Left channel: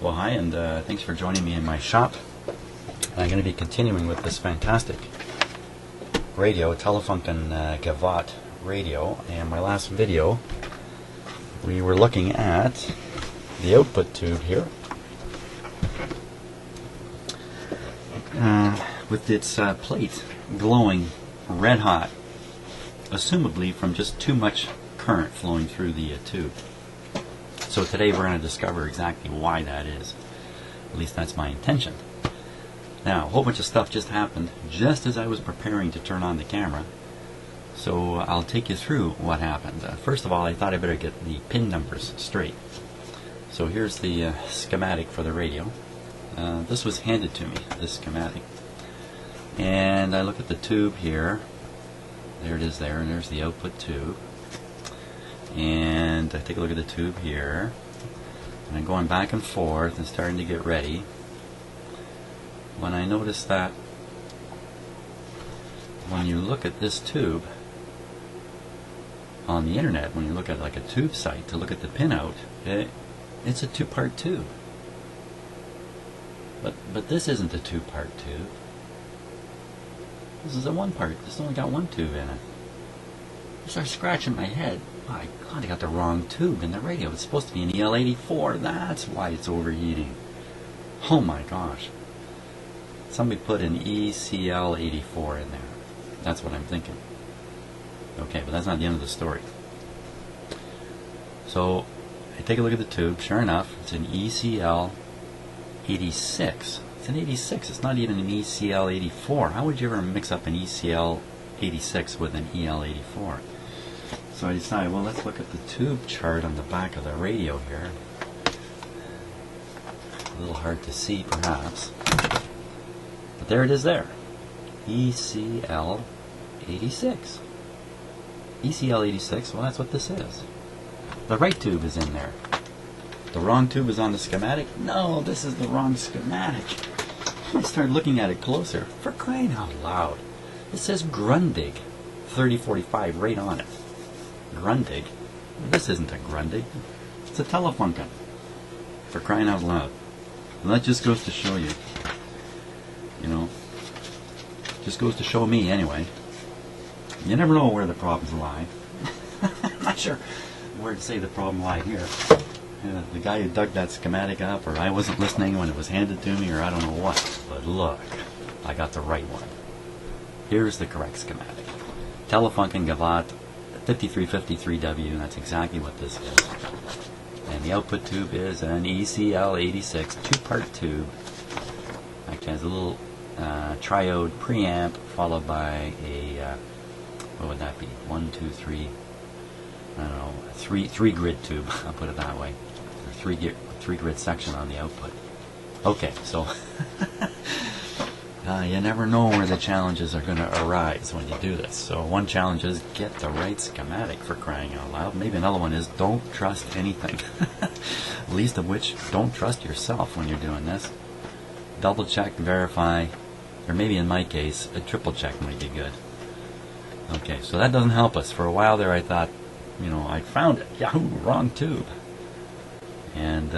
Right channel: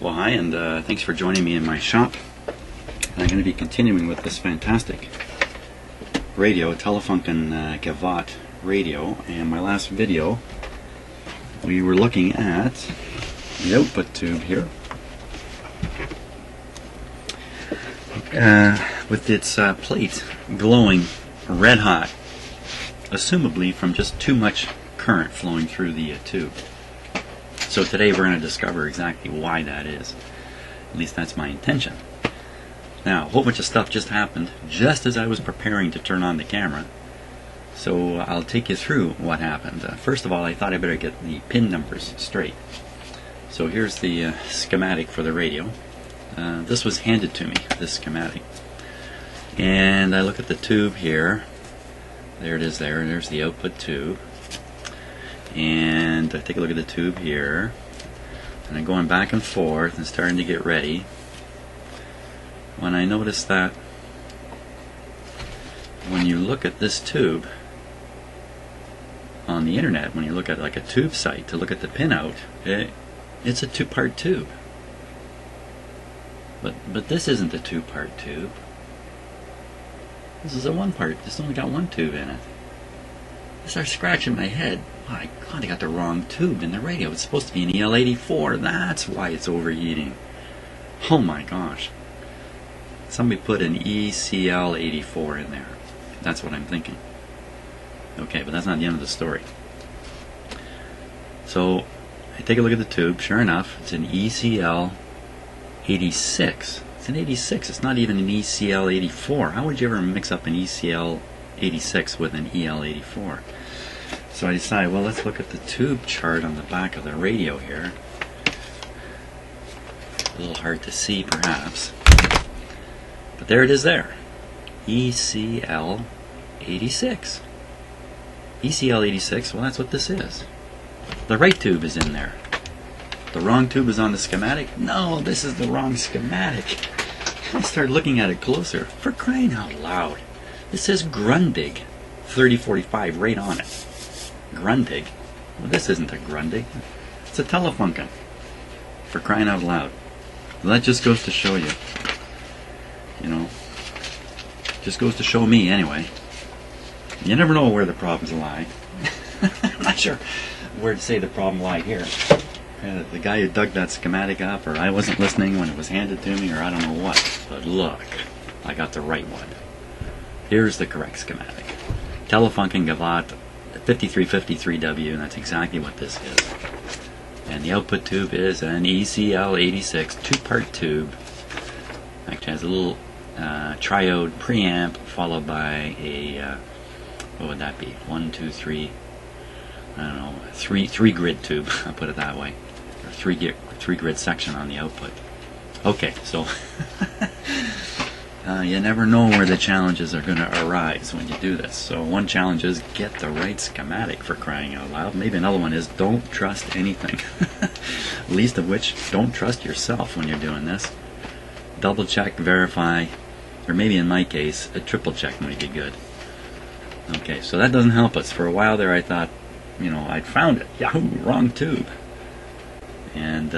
Well, hi, and thanks for joining me in my shop. I'm going to be continuing with this fantastic radio, Telefunken Gavotte radio. In my last video, we were looking at the output tube here, with its plate glowing red hot, assumably from just too much current flowing through the tube. So today we're going to discover exactly why that is. At least that's my intention. Now, a whole bunch of stuff just happened just as I was preparing to turn on the camera. So I'll take you through what happened. First of all, I thought I better get the pin numbers straight. So here's the schematic for the radio. This was handed to me, this schematic. And I look at the tube here. There it is there, and there's the output tube. And I take a look at the tube here, and I'm going back and forth and starting to get ready when I notice that when you look at this tube on the internet, when you look at like a tube site to look at the pinout, it's a two-part tube. But this isn't a two-part tube. This is a one-part. This only got one tube in it. I start scratching my head. Oh my God, I got the wrong tube in the radio. It's supposed to be an EL84. That's why it's overheating. Oh my gosh. Somebody put an ECL84 in there. That's what I'm thinking. Okay, but that's not the end of the story. So I take a look at the tube. Sure enough, it's an ECL86. It's an 86. It's not even an ECL84. How would you ever mix up an ECL86 with an EL84? So I decided, well, let's look at the tube chart on the back of the radio here. A little hard to see, perhaps. But there it is there. ECL86. ECL86, well, that's what this is. The right tube is in there. The wrong tube is on the schematic? No, this is the wrong schematic. I started looking at it closer. For crying out loud. It says Grundig 3045 right on it. Grundig? Well, this isn't a Grundig. It's a Telefunken. For crying out loud. Well, that just goes to show you. You know. Just goes to show me anyway. You never know where the problems lie. I'm not sure where to say the problem lie here. The guy who dug that schematic up, or I wasn't listening when it was handed to me, or I don't know what. But look, I got the right one. Here's the correct schematic. Telefunken Gavotte 5353W, and that's exactly what this is. And the output tube is an ECL86 two-part tube. Actually, it has a little triode preamp followed by a what would that be? 1, 2, 3. I don't know. Three grid tube. I'll put it that way. Three grid section on the output. Okay, so you never know where the challenges are going to arise when you do this. So one challenge is get the right schematic, for crying out loud. Maybe another one is don't trust anything. Least of which, don't trust yourself when you're doing this. Double check, verify, or maybe in my case, a triple check might be good. Okay, so that doesn't help us. For a while there I thought, you know, I'd found it. Yahoo, wrong tube. And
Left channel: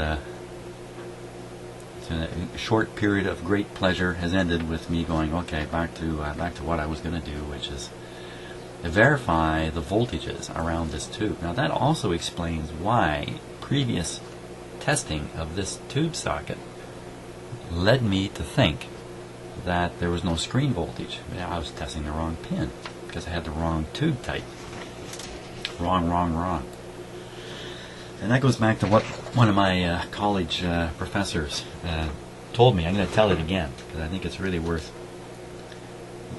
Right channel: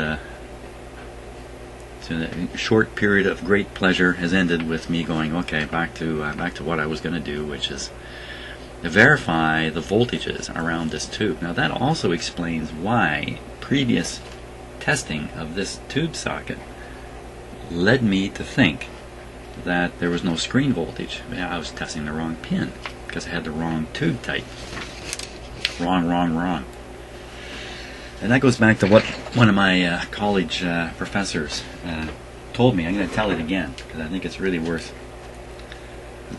so the short period of great pleasure has ended with me going, okay, back to what I was going to do, which is verify the voltages around this tube. Now that also explains why previous testing of this tube socket led me to think that there was no screen voltage. I was testing the wrong pin because I had the wrong tube type. Wrong. And that goes back to what one of my college professors told me. I'm going to tell it again because I think it's really worth.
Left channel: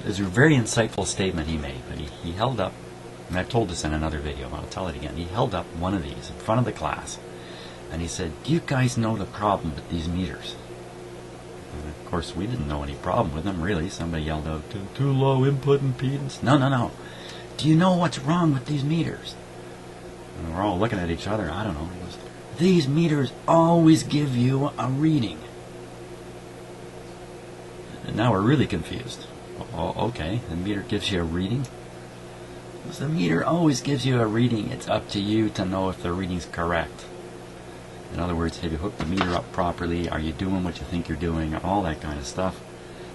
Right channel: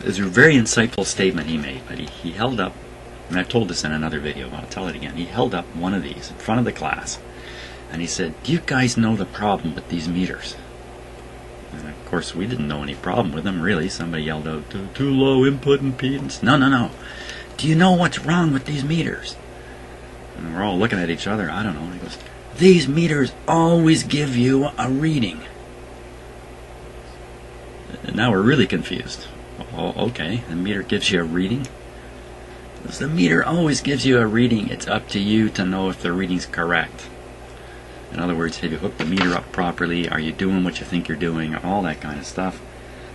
It's a very insightful statement he made, but he held up, and I've told this in another video, but I'll tell it again. He held up one of these in front of the class, and he said, "Do you guys know the problem with these meters?" And of course, we didn't know any problem with them, really. Somebody yelled out, "Too low input impedance." No. "Do you know what's wrong with these meters?" And we're all looking at each other. I don't know. He goes, "These meters always give you a reading." And now we're really confused. Oh, okay, the meter gives you a reading? Because the meter always gives you a reading. It's up to you to know if the reading's correct. In other words, have you hooked the meter up properly? Are you doing what you think you're doing? All that kind of stuff.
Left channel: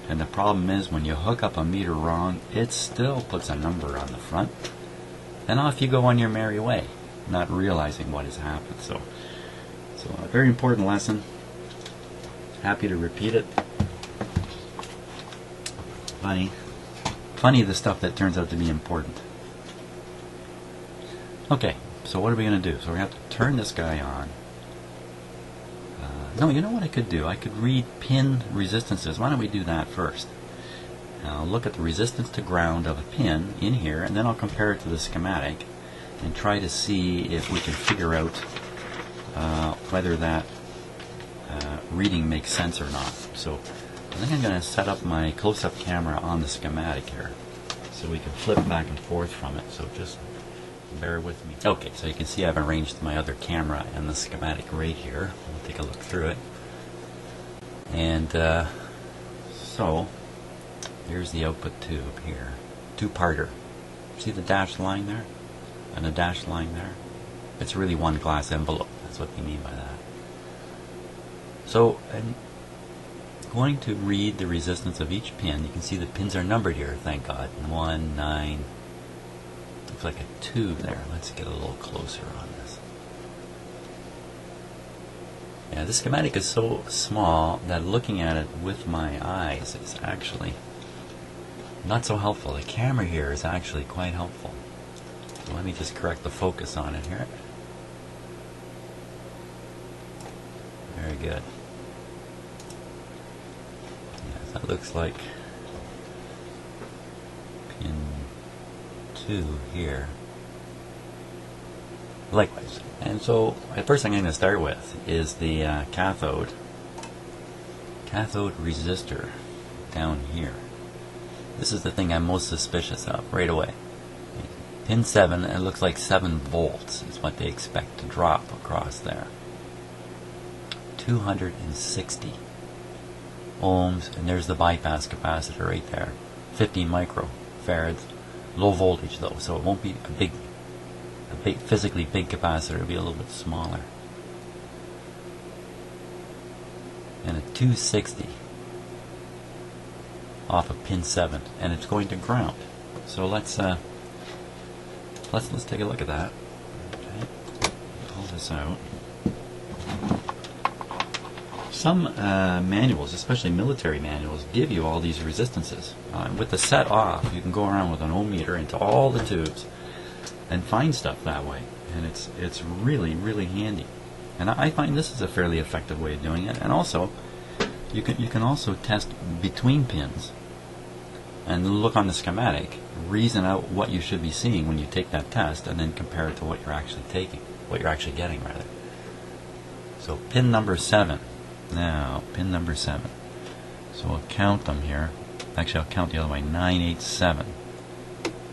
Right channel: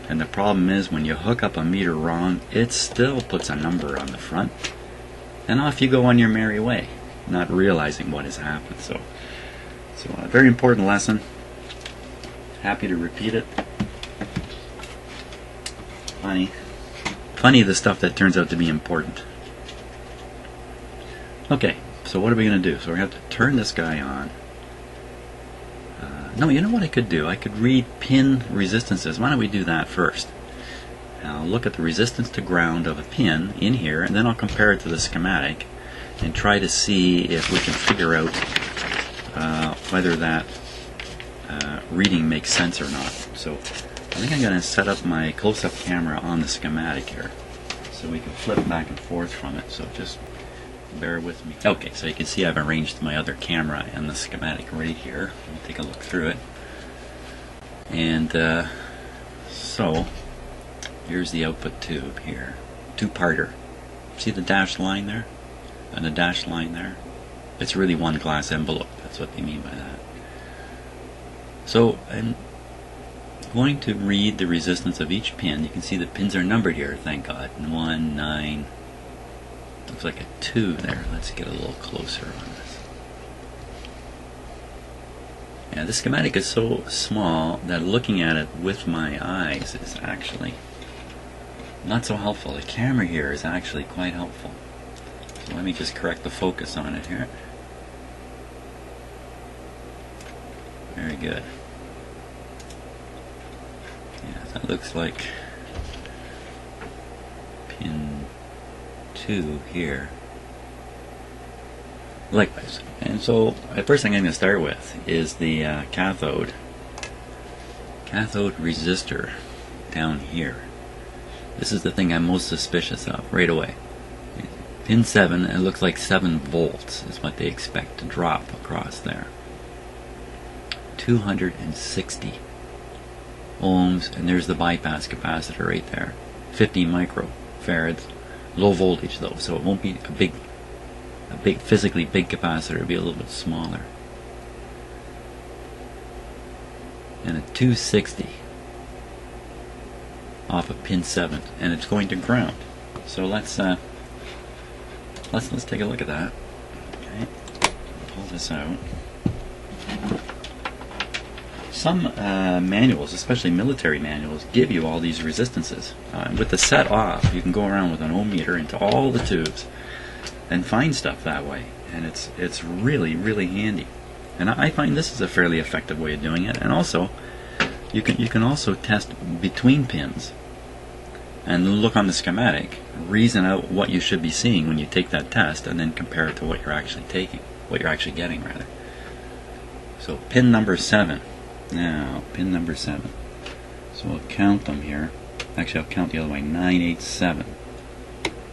And the problem is when you hook up a meter wrong, it still puts a number on the front. And off you go on your merry way, not realizing what has happened. So a very important lesson. Happy to repeat it. Funny the stuff that turns out to be important. Okay, so what are we going to do? So we have to turn this guy on. No, you know what I could do? I could read pin resistances. Why don't we do that first? I'll look at the resistance to ground of a pin in here, and then I'll compare it to the schematic and try to see if we can figure out whether that reading makes sense or not. So I think I'm going to set up my close-up camera on the schematic here so we can flip back and forth from it. So just bear with me. Okay, so you can see I've arranged my other camera and the schematic right here. We'll take a look through it. And so here's the output tube here. Two-parter. See the dashed line there? And the dashed line there? It's really one glass envelope. That's what they mean by that. So I'm going to read the resistance of each pin. You can see the pins are numbered here, thank God. 1, 9, looks like a 2 there. Let's get a little closer on this. Yeah, the schematic is so small that looking at it with my eyes is actually not so helpful. The camera here is actually quite helpful. So let me just correct the focus on it here. Very good. Yeah, that looks like pin 2 here. Likewise. And so the first thing I'm going to start with is the cathode resistor down here. This is the thing I'm most suspicious of right away. Pin 7, it looks like 7 volts is what they expect to drop across there. 260 ohms, and there's the bypass capacitor right there. 50 microfarads. Low voltage though, so it won't be a big physically big capacitor. It'll be a little bit smaller. And a 260 off of pin 7, and it's going to ground. So let's take a look at that. Okay. Pull this out. Some manuals, especially military manuals, give you all these resistances. With the set off, you can go around with an ohm meter into all the tubes and find stuff that way, and it's really, really handy. And I find this is a fairly effective way of doing it. And also, you can also test between pins and look on the schematic, reason out what you should be seeing when you take that test, and then compare it to what you're actually taking, what you're actually getting rather. So pin number 7. Now, pin number 7. So I'll count them here. Actually, I'll count the other way. 9, 8, 7.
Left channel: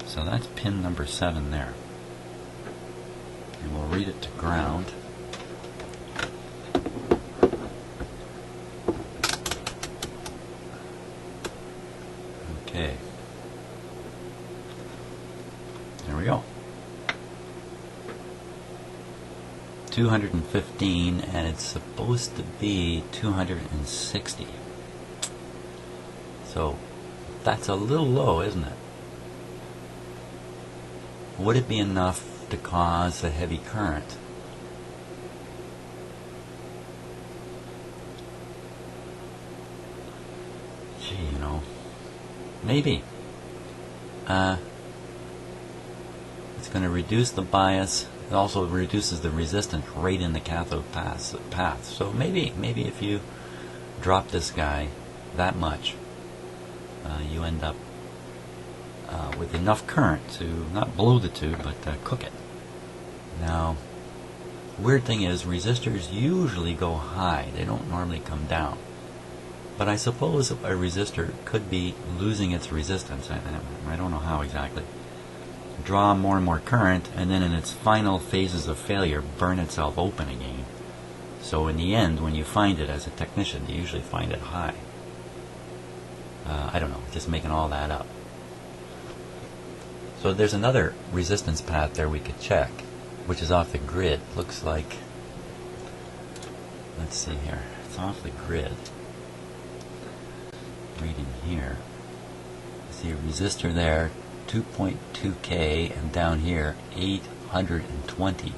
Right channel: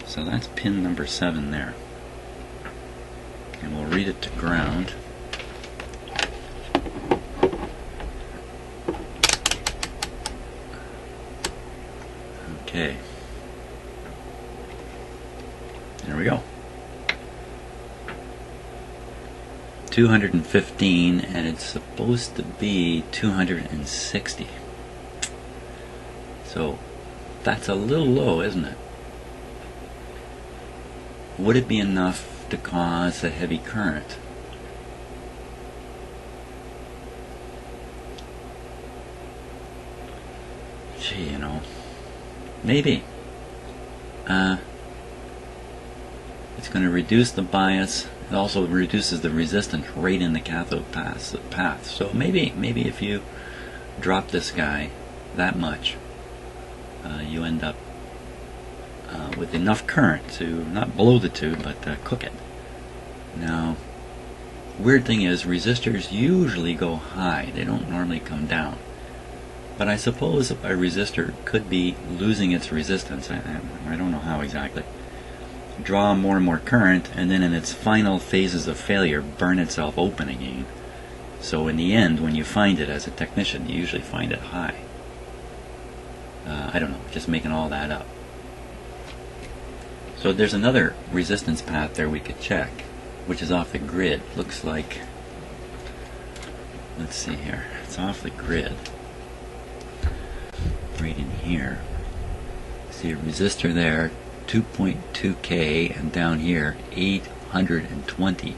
So that's pin number 7 there. And we'll read it to ground. Okay. There we go. 215, and it's supposed to be 260. So that's a little low, isn't it? Would it be enough to cause a heavy current? Gee, you know, maybe. It's going to reduce the bias. It also reduces the resistance right in the cathode path. So maybe if you drop this guy that much, you end up with enough current to not blow the tube, but cook it. Now, weird thing is, resistors usually go high. They don't normally come down. But I suppose a resistor could be losing its resistance. I don't know how exactly. Draw more and more current, and then in its final phases of failure, burn itself open again. So in the end, when you find it as a technician, you usually find it high. I don't know, just making all that up. So there's another resistance path there we could check, which is off the grid. Looks like let's see here. It's off the grid. Right in here. See a resistor there, 2.2K, and down here 820K.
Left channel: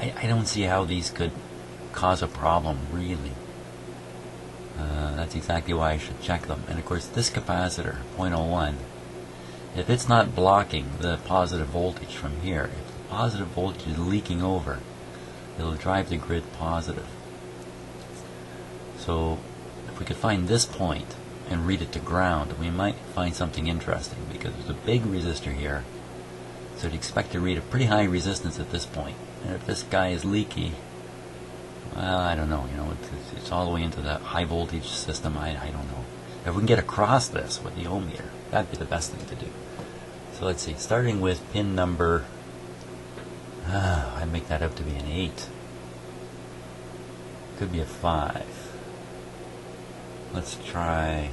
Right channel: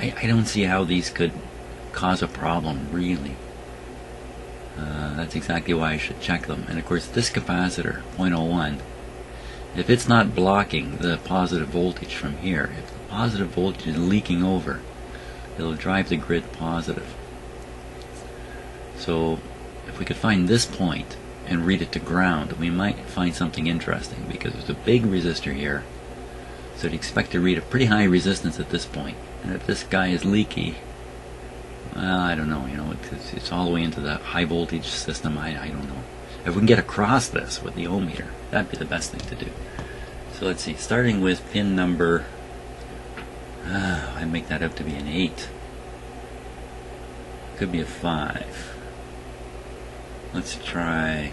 I don't see how these could cause a problem, really. That's exactly why I should check them. And of course, this capacitor, 0.01, if it's not blocking the positive voltage from here, if the positive voltage is leaking over, it'll drive the grid positive. So if we could find this point and read it to ground, we might find something interesting, because there's a big resistor here, so you'd expect to read a pretty high resistance at this point. And if this guy is leaky, well, I don't know, it's all the way into the high voltage system. I don't know. If we can get across this with the ohm meter, that'd be the best thing to do. So let's see, starting with pin number, I make that out to be an 8. Could be a 5. Let's try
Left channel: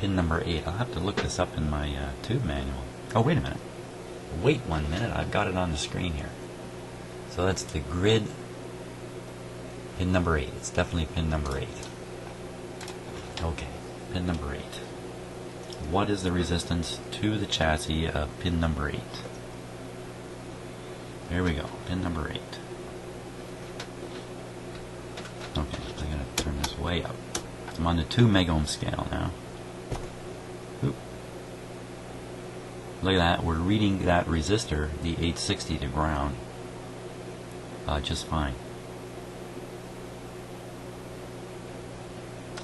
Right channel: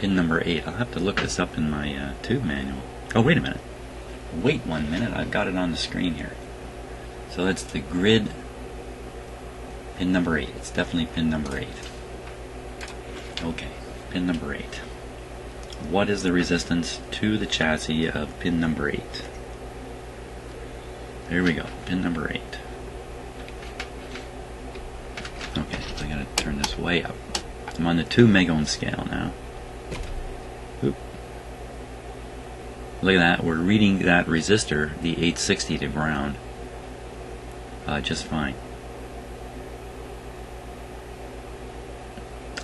pin number 8. I'll have to look this up in my tube manual. Oh, wait a minute. Wait 1 minute, I've got it on the screen here. So that's the grid, pin number 8. It's definitely pin number 8. Okay, pin number 8. What is the resistance to the chassis of pin number 8? There we go, pin number 8. Okay, so I gotta turn this way up. I'm on the 2 megohm scale now. Oop. Look at that, we're reading that resistor, the 860, to ground. Just fine.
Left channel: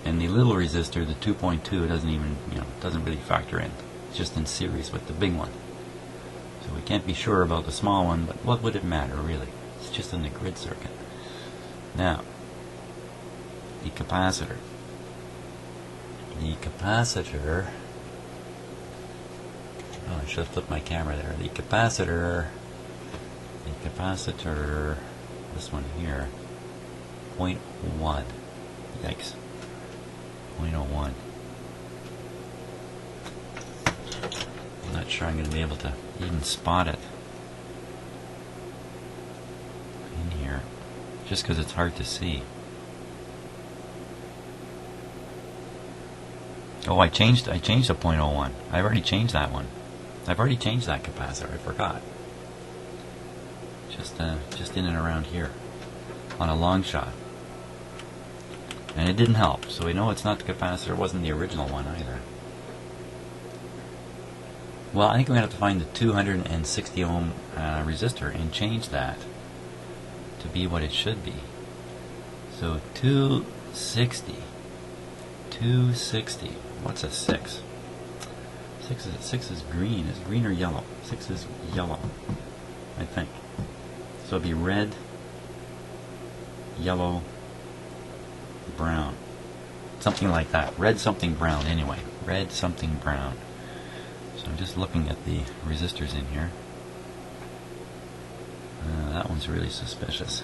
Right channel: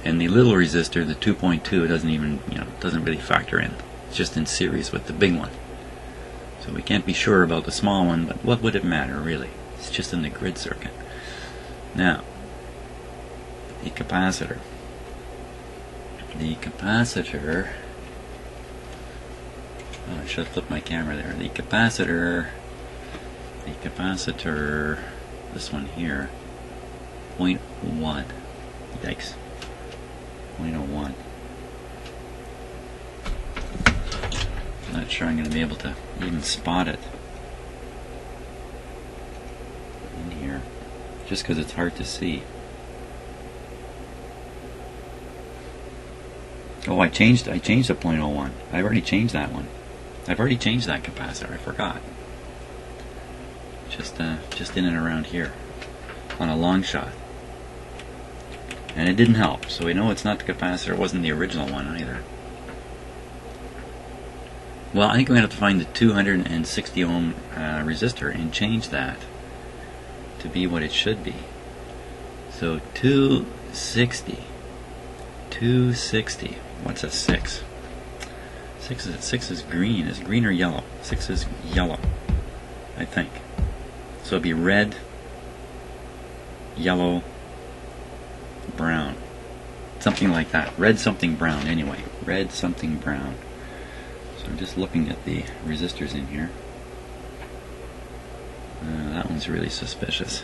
And the little resistor, the 2.2, doesn't even, doesn't really factor in. It's just in series with the big one. So we can't be sure about the small one, but what would it matter, really? It's just in the grid circuit. Now, the capacitor. The capacitor, oh, I should have flipped my camera there. The capacitor, this one here, 0.1. Yikes. 0.01. I'm not sure I'm going to be able to even spot it in here, just because it's hard to see. Oh, I changed the 0.01. I've already changed that one. I've already changed that capacitor. I forgot. Just in and around here on a long shot. And it didn't help, so we know it's not the capacitor. It wasn't the original one either. Well, I think we're going to have to find the 260 ohm resistor and change that to be what it should be. So 260. What's a 6? 6 is green. Is green or yellow? 6 is yellow, I think. So it'd be red, yellow, brown. Something like that. Red something brown anyway. Red something brown. So I'm just looking at the resistors in here. That one's really suspicious.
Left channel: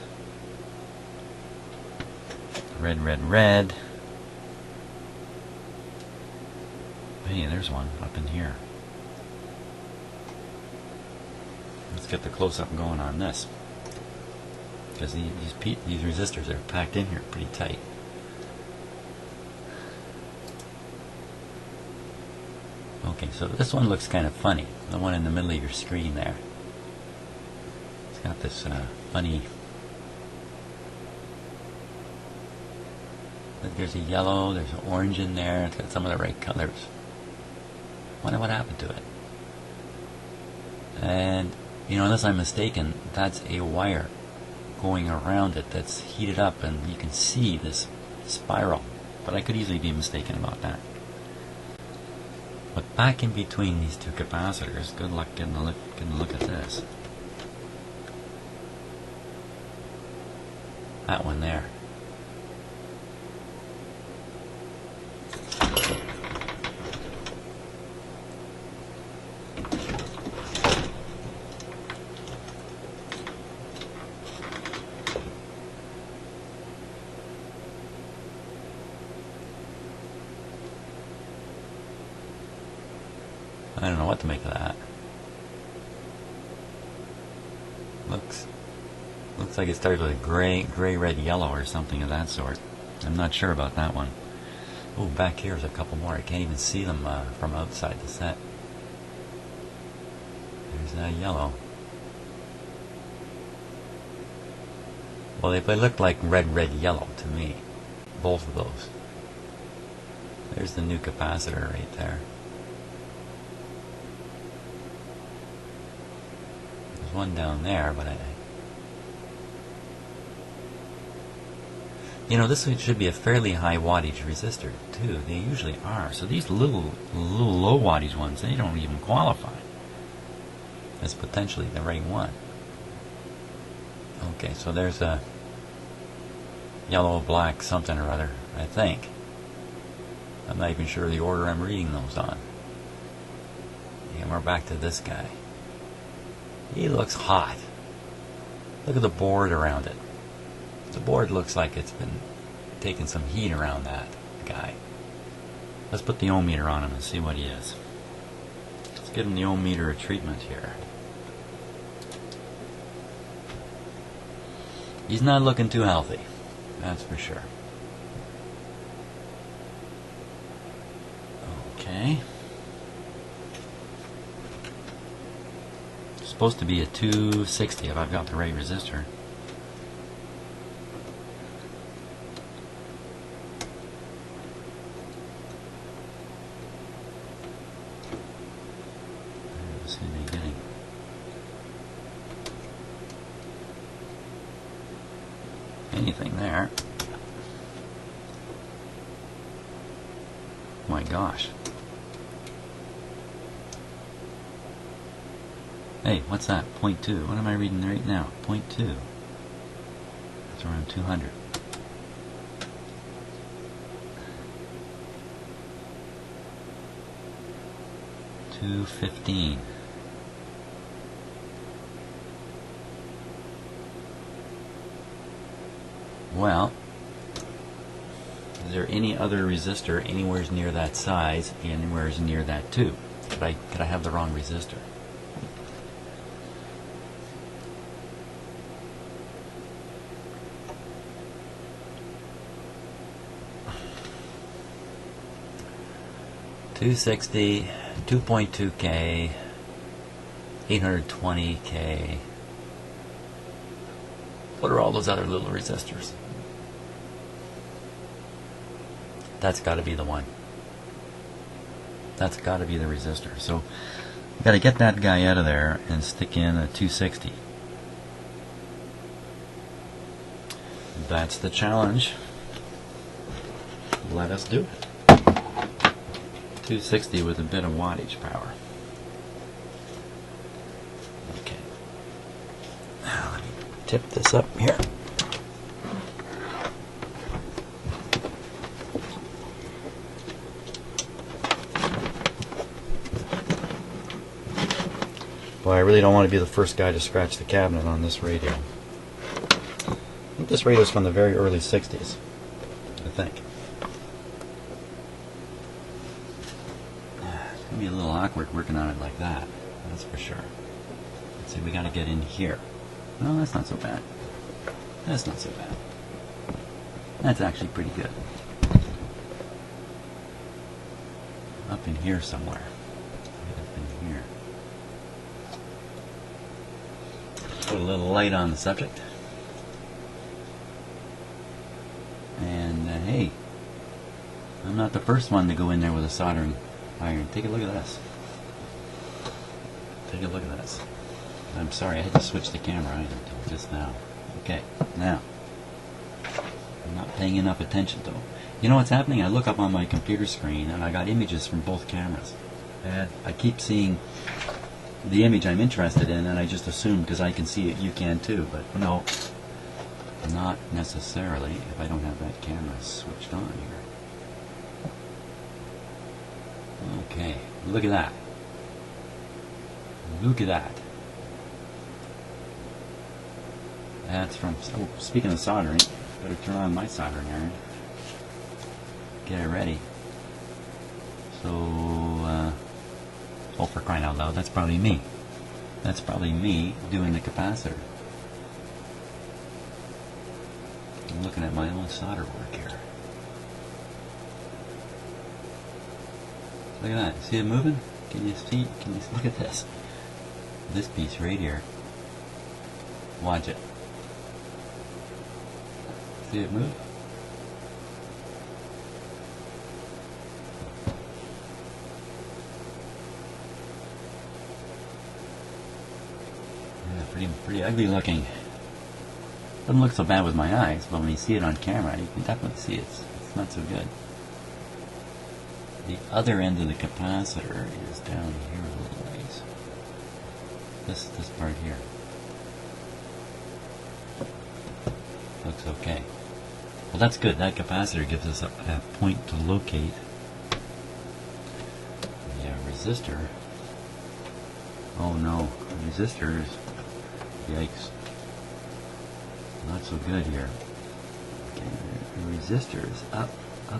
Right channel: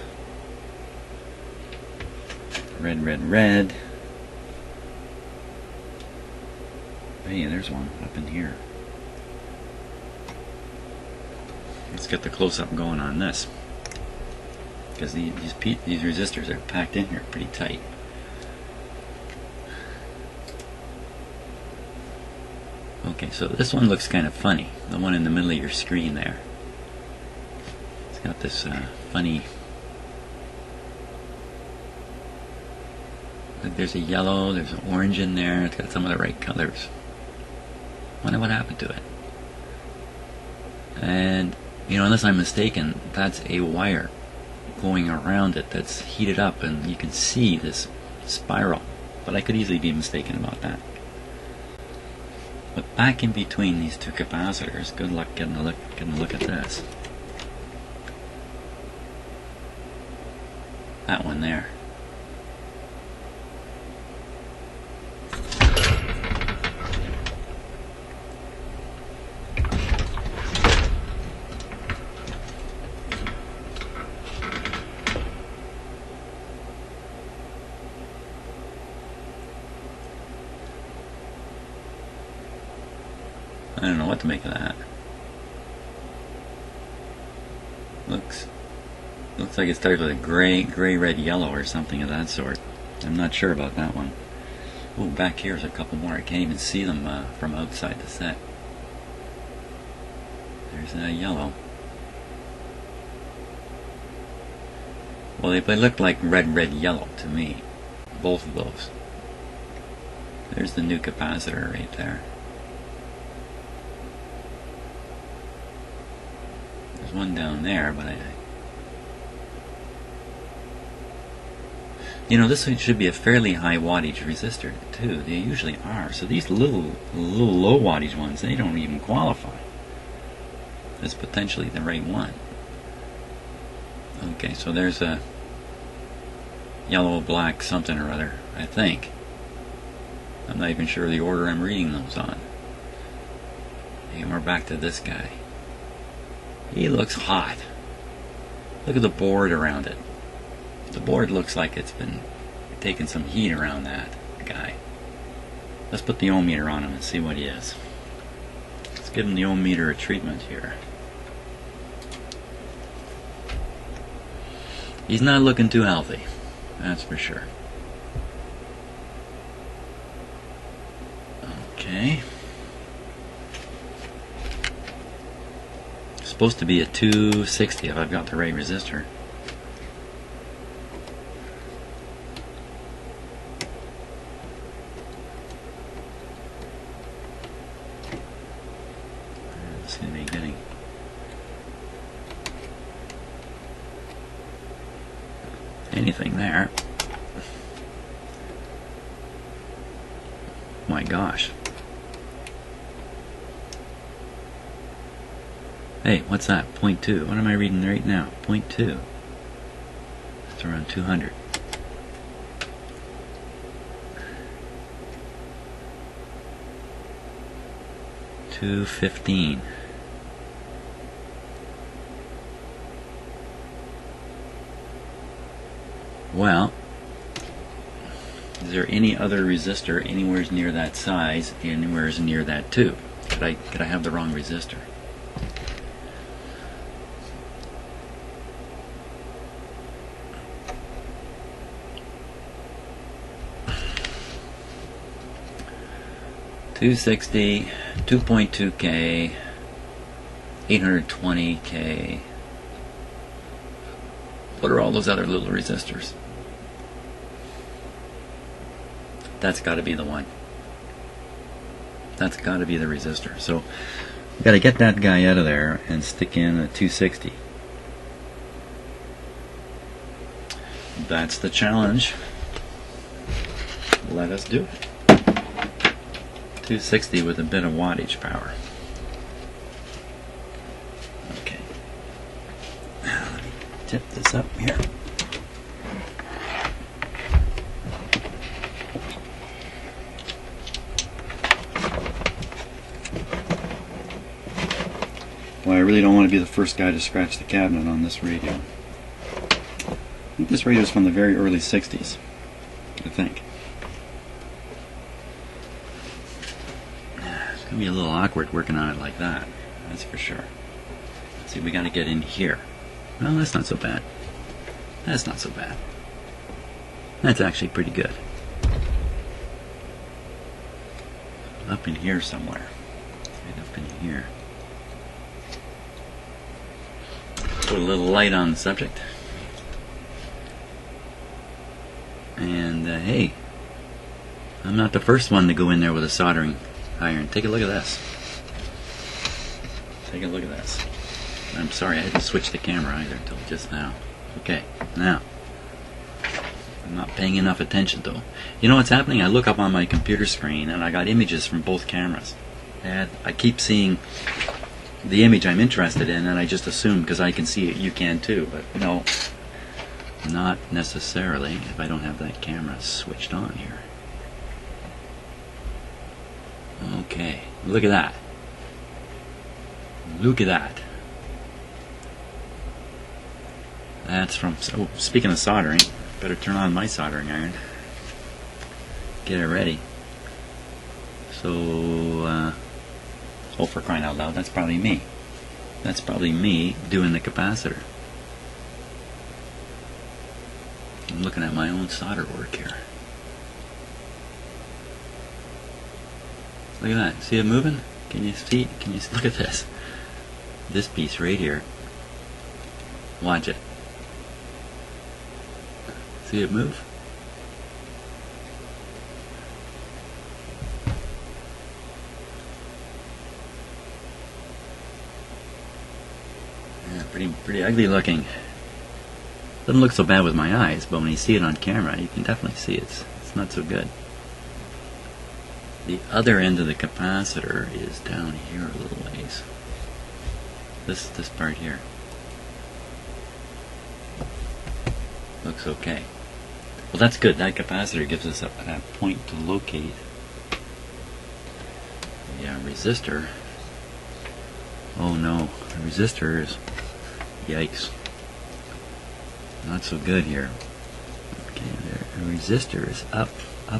Red, red, red. Hey, there's one up in here. Let's get the close-up going on this, because these resistors are packed in here pretty tight. Okay, so this one looks kind of funny, the one in the middle of your screen there. It's got this funny... Look, there's a yellow, there's an orange in there, it's got some of the right colors. Wonder what happened to it. And, unless I'm mistaken, that's a wire going around it that's heated up, and you can see this spiral. But I could easily be mistaken about that. But back in between these two capacitors, good luck getting a look at this. That one there. I don't know what to make of that. Looks Looks like it starts with a gray, red, yellow or something of that sort. I'm not sure about that one. Oh, back here's a couple more. I can't even see them from outside the set. There's that yellow. Well, they look like red, yellow to me. Both of those. There's the new capacitor right there. There's one down there, but you know, this one should be a fairly high wattage resistor too. They usually are. So these little low wattage ones, they don't even qualify. That's potentially the right one. Okay, so there's a yellow, black, something or other, I think. I'm not even sure the order I'm reading those on. And we're back to this guy. He looks hot. Look at the board around it. The board looks like it's been taking some heat around that guy. Let's put the ohm meter on him and see what he is. Let's give him the ohm meter a treatment here. He's not looking too healthy, that's for sure. Okay. It's supposed to be a 260 if I've got the right resistor. Anything there. My gosh. Hey, what's that? 0.2. What am I reading right now? 0.2. It's around 200. $215. Well, is there any other resistor anywhere near that size, anywhere near that too? Could I have the wrong resistor? $260, 2.2K, 820K. What are all those other little resistors? That's got to be the one. That's got to be the resistor. So we've got to get that guy out of there and stick in a 260. That's the challenge. Let us do it. 260 with a bit of wattage power. Okay. Now let me tip this up here. Well, I really don't want to be the first guy to scratch the cabinet on this radio. This radio is from the very early 60s, I think. It's going to be a little awkward working on it like that, that's for sure. Let's see, we got to get in here. Well, that's not so bad. That's not so bad. That's actually pretty good. Up in here somewhere. Right up in here. Put a little light on the subject. And hey, I'm not the first one to go in there with a soldering iron. Take a look at this. Take a look at this. I'm sorry, I had to switch the camera either until just now. Okay, now. I'm not paying enough attention though. You know what's happening? I look up on my computer screen and I got images from both cameras. And I keep seeing the image I'm interested in and I just assume because I can see it, you can too. But no, not necessarily if I don't have that camera switched on here. Okay, look at that. Look at that. That's from, oh, speaking of soldering, better turn on my soldering iron. Get it ready. So, oh, for crying out loud, that's probably me. That's probably me doing the capacitor. I'm looking at my own solder work here. Look at that. See it moving? Can you see? Can you look at this? This piece right here. Watch it. See it move? Yeah, pretty ugly looking. Doesn't look so bad with my eyes, but when you see it on camera, you can definitely see it's not so good. The other end of the capacitor is down here a little ways. This part here looks okay. Well, that's good. That capacitor gives us a point to locate. Yeah, resistor. Oh no, the resistor is, yikes, not so good here. Okay, the resistor is up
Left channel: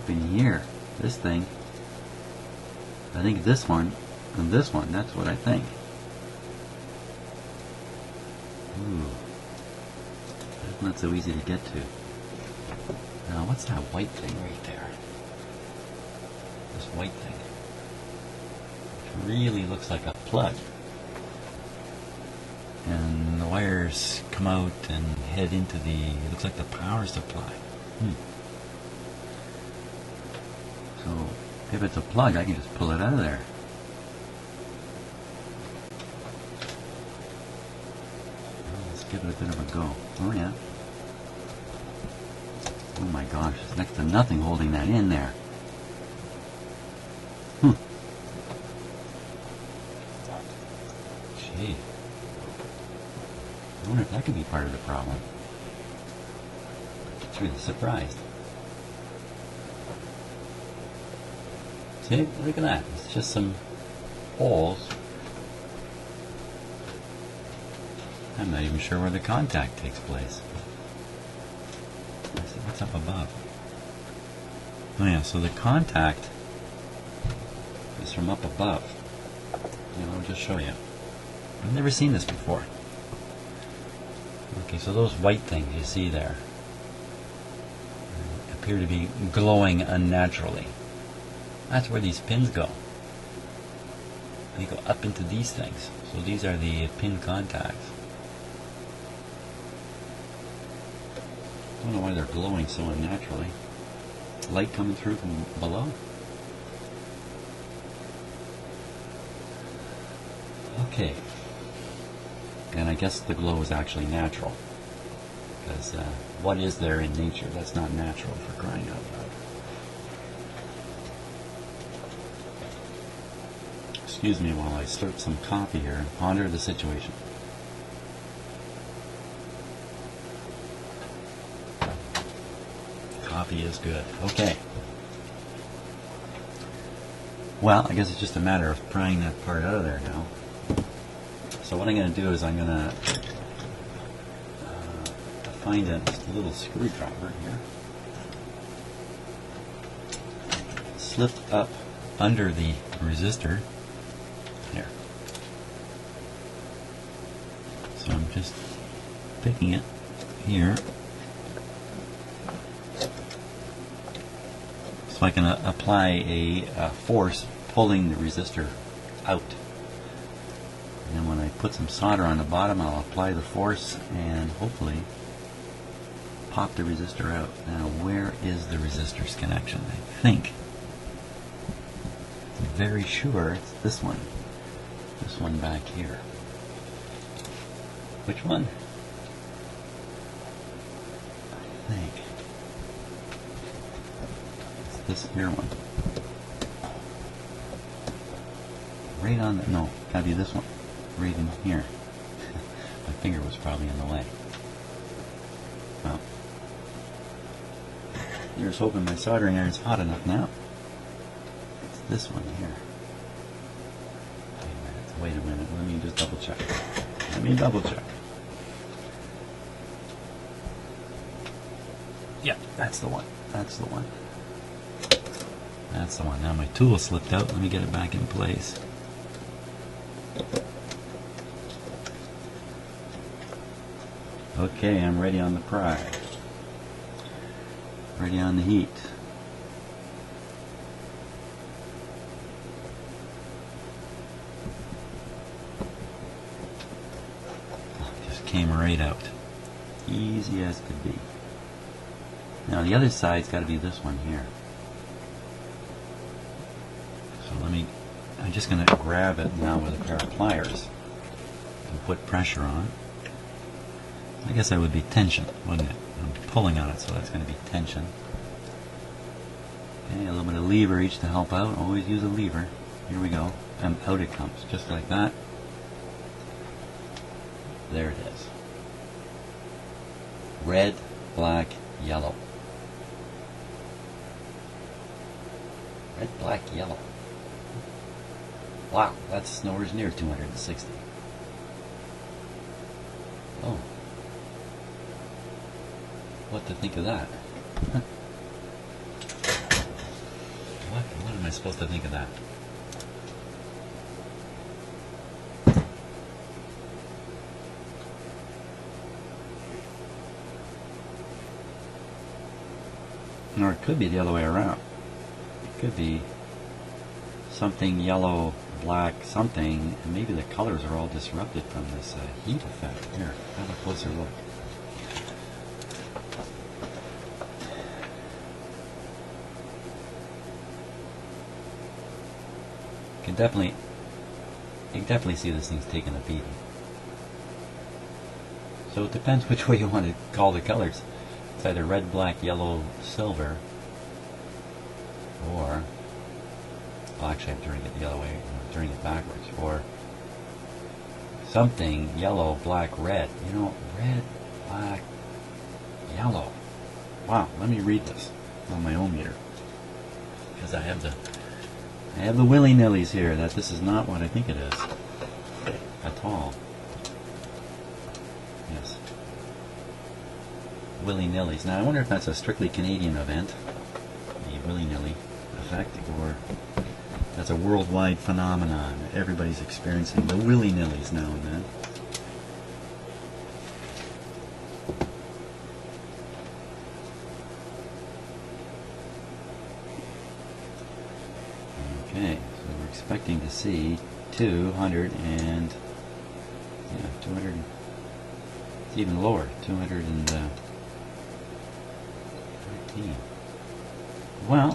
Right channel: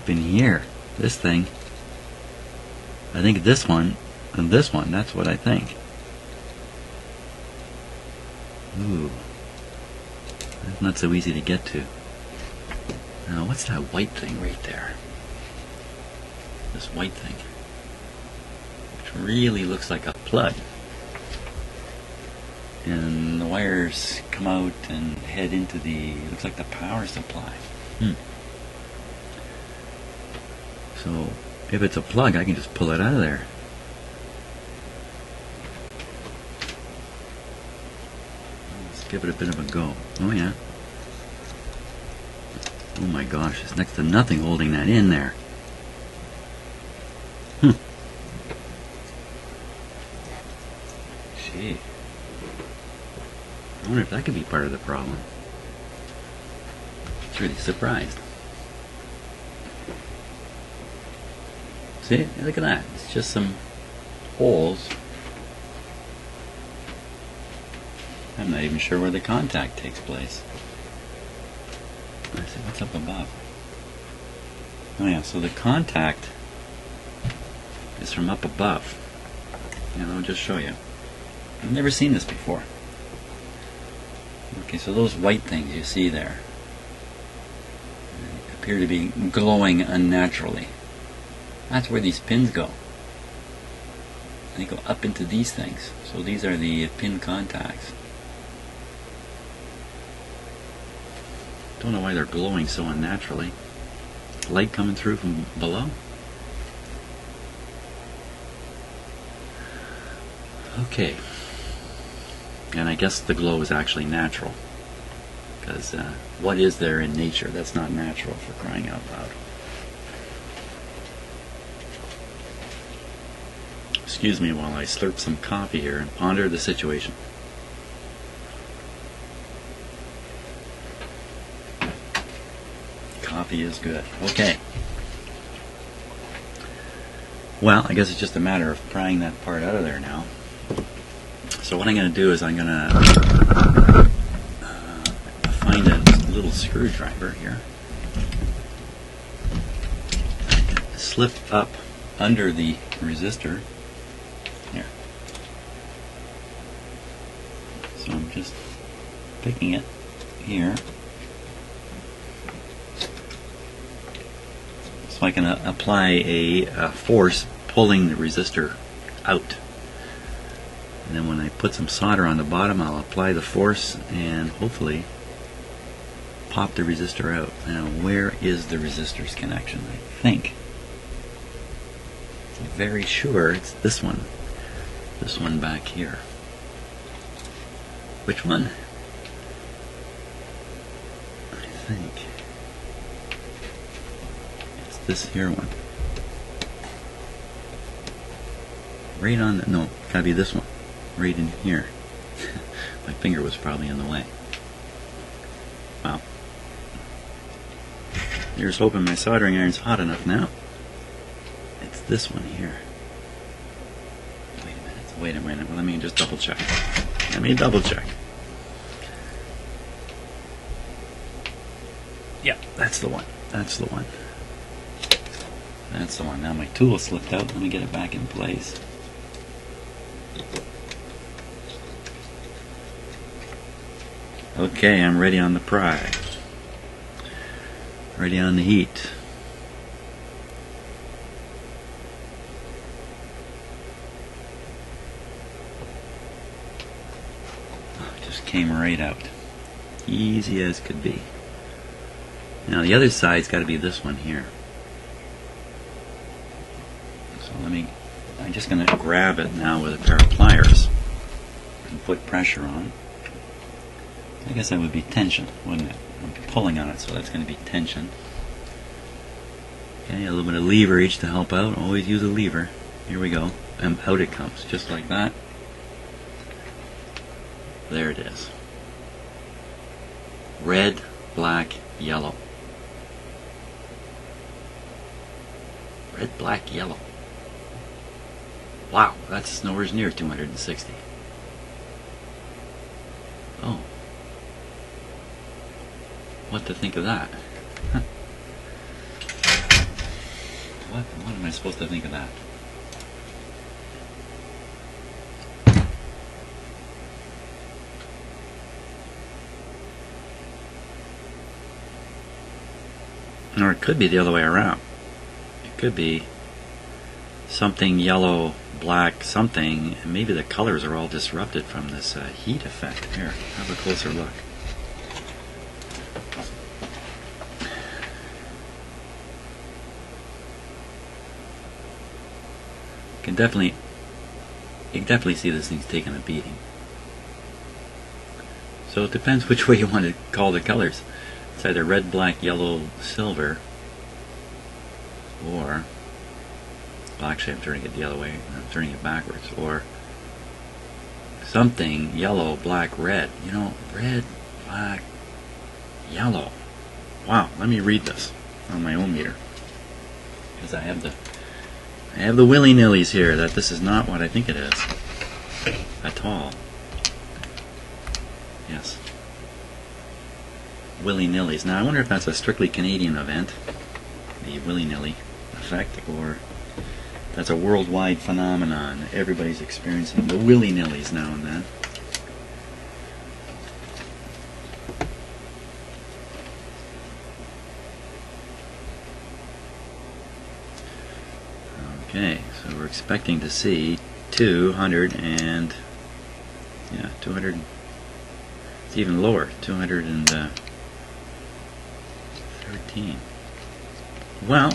in here. This thing. I think this one and this one. That's what I think. Ooh, that's not so easy to get to. Now, what's that white thing right there? This white thing. It really looks like a plug. And the wires come out and head into the, it looks like the power supply. So, if it's a plug, I can just pull it out of there. Let's give it a bit of a go. Oh yeah. Oh my gosh, there's next to nothing holding that in there. Gee. I wonder if that could be part of the problem. It's really surprised. See, look at that. It's just some holes. I'm not even sure where the contact takes place. Let's see, what's up above? Oh yeah, so the contact is from up above. And I'll just show you. I've never seen this before. Okay, so those white things you see there appear to be glowing unnaturally. That's where these pins go. They go up into these things. So these are the pin contacts. Don't know why they're glowing so unnaturally. Light coming through from below. Okay. And I guess the glow is actually natural. Because what is there in nature that's not natural, for crying out loud? Excuse me while I slurp some coffee here and ponder the situation. Coffee is good. Okay. Well, I guess it's just a matter of prying that part out of there now. So what I'm going to do is I'm going to find a little screwdriver here. Slip up under the resistor. Here. So I'm just picking it here. So I can apply a force pulling the resistor out. And then when I put some solder on the bottom, I'll apply the force and hopefully pop the resistor out. Now, where is the resistor's connection? I think, I'm very sure it's this one. This one back here. Which one? I think it's this here one. Right on the, no, gotta be this one. Right in here. My finger was probably in the way. Well, here's hoping my soldering iron's hot enough now. It's this one here. Wait a minute. Let me just double check. Yeah, that's the one. That's the one. That's the one. Now my tool slipped out. Let me get it back in place. Okay, I'm ready on the pry. Ready on the heat. Just came right out. Easy as could be. Now the other side's got to be this one here. So I'm just going to grab it now with a pair of pliers and put pressure on it. I guess that would be tension, wouldn't it? I'll be pulling on it, so that's going to be tension. Okay, a little bit of leverage to help out. Always use a lever. Here we go. And out it comes, just like that. There it is. Red, black, yellow. Red, black, yellow. Wow, that's nowhere near 260. Oh. What to think of that? What am I supposed to think of that? Or it could be the other way around. It could be something yellow, black, something, and maybe the colors are all disrupted from this heat effect. Here, have a closer look. You can definitely see this thing's taking a beating. So it depends which way you want to call the colors. It's either red, black, yellow, silver, or, well, actually I'm turning it the other way. I'm turning it backwards. Or something yellow, black, red. You know, red, black, yellow. Wow, let me read this on my own meter, because I have the willy-nillys here that this is not what I think it is at all. Yes. Willy-nillys. Now I wonder if that's a strictly Canadian event, the willy-nilly effect, or that's a worldwide phenomenon. Everybody's experiencing the willy-nillys now and then. Okay, so we're expecting to see 200 and, yeah, 200, it's even lower, 213. Well,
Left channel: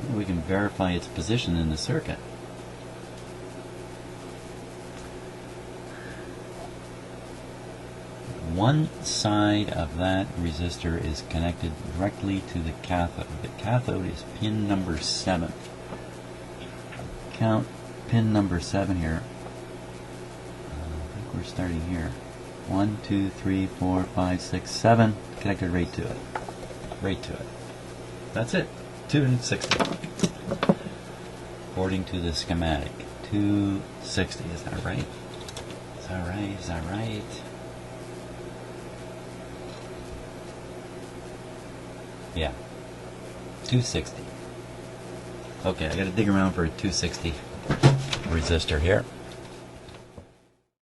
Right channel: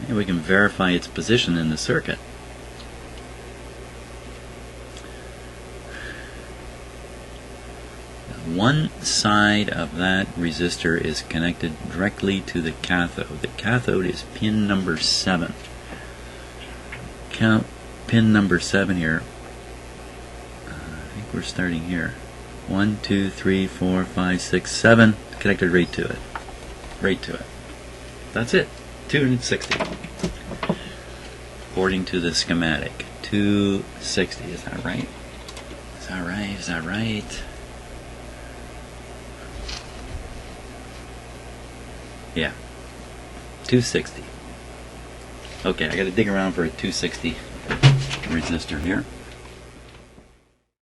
maybe we can verify its position in the circuit. One side of that resistor is connected directly to the cathode. The cathode is pin number 7. Count pin number 7 here. I think we're starting here. 1, 2, 3, 4, 5, 6, 7. Connected right to it. Right to it. That's it. 260. According to the schematic. 260. Is that right? Is that right? Is that right? Yeah, 260. Okay, I got to dig around for a 260 resistor here.